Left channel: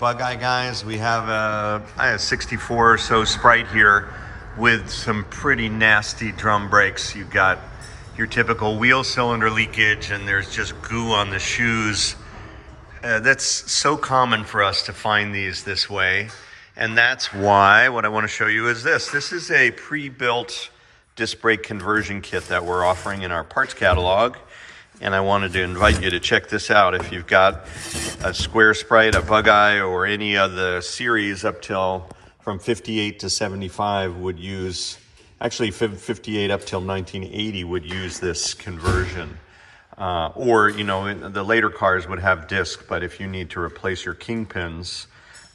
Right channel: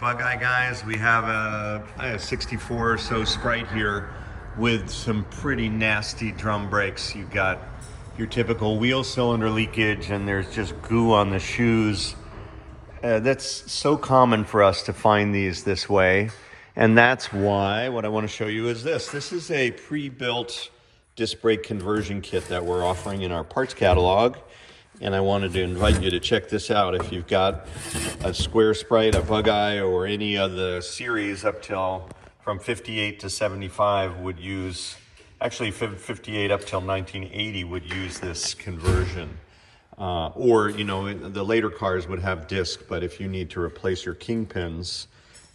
Bugeye guys. We have a 64 or so Sprite here with some pretty nasty drum brakes. You've got your typical wheel cylinder leakage and there's just goo on the shoes. That's so common for us to find these this way. And that's why what I want to show you is this. This is a pre-built disc brake conversion kit that we're offering in our parts catalog. And I wanted to invite you to check this out. If you've got a Square Sprite, a Bugeye, or any of the series up till from 58 to 75 would use, actually 58 up till 1980 would use this conversion. Or, you know, the later cars would have disc, but if you need to replace your kingpins,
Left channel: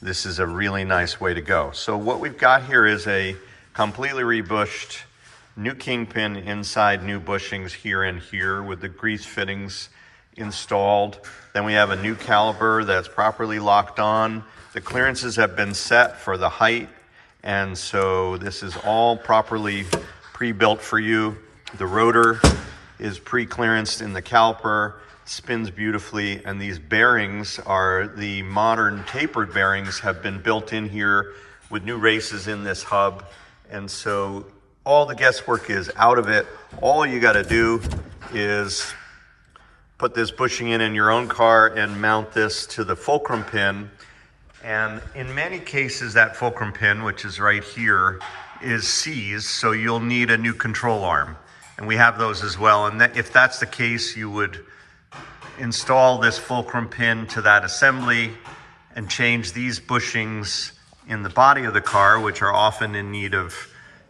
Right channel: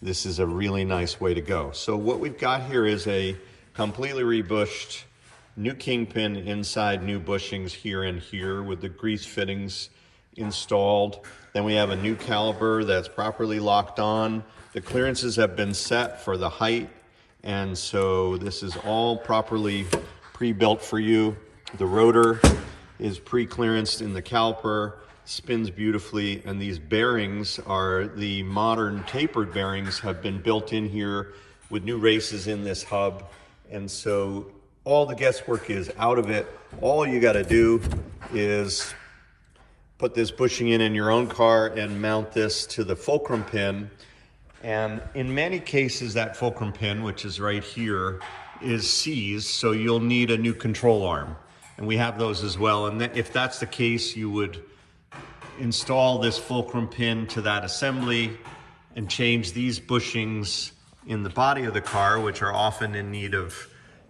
this is a really nice way to go. So what we've got here is a completely rebushed new kingpin inside new bushings here and here with the grease fittings installed. Then we have a new caliper that's properly locked on. The clearances have been set for the height, and so this is all properly pre-built for you. The rotor is pre-clearanced in the caliper, spins beautifully, and these bearings are the modern tapered bearings, have been built in here with new races in this hub. And so all the guesswork is out of it. All you got to do is put this bushing in your own car and mount this to the fulcrum pin. And in many cases, that fulcrum pin, which is right here, is seized, so you'll need a new control arm. And we have those as well. And if that's the case, you would install this fulcrum pin to that assembly and change these bushings in the body of the car, which are often in need of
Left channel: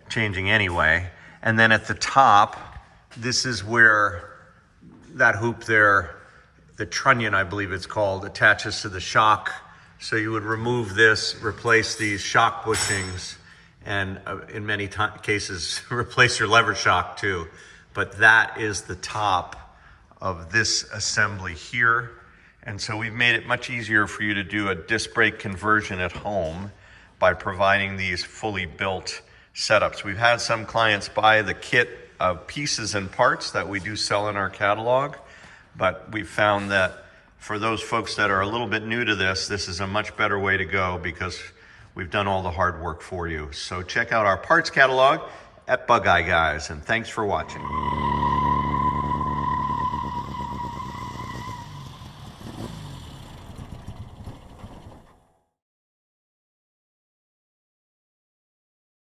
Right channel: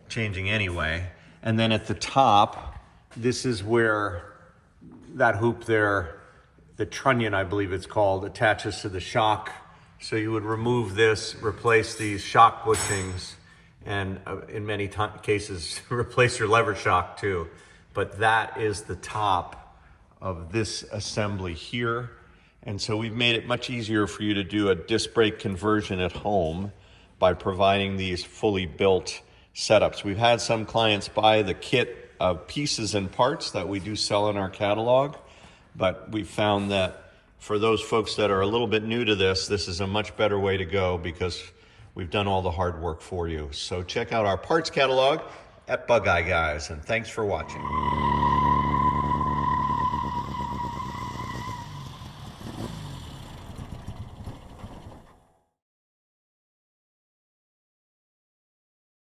changing anyway. And then at the top, this is where that hoop there, the trunnion I believe it's called, attaches to the shock. So you would remove this, replace these shock bushings, and in many cases replace your lever shock too. But that is the top of this assembly here. And so we've made it much easier for you to do a disc brake conversion at home by providing these fully built setups. We've had some clients buy the kit of pieces and parts that we do sell in our catalog, but we've found that for those folks that are a little bit new to this, this is a much better way to go because we've done all the hard work for you. So check out our parts catalog at Bugeye guys, and thanks for watching.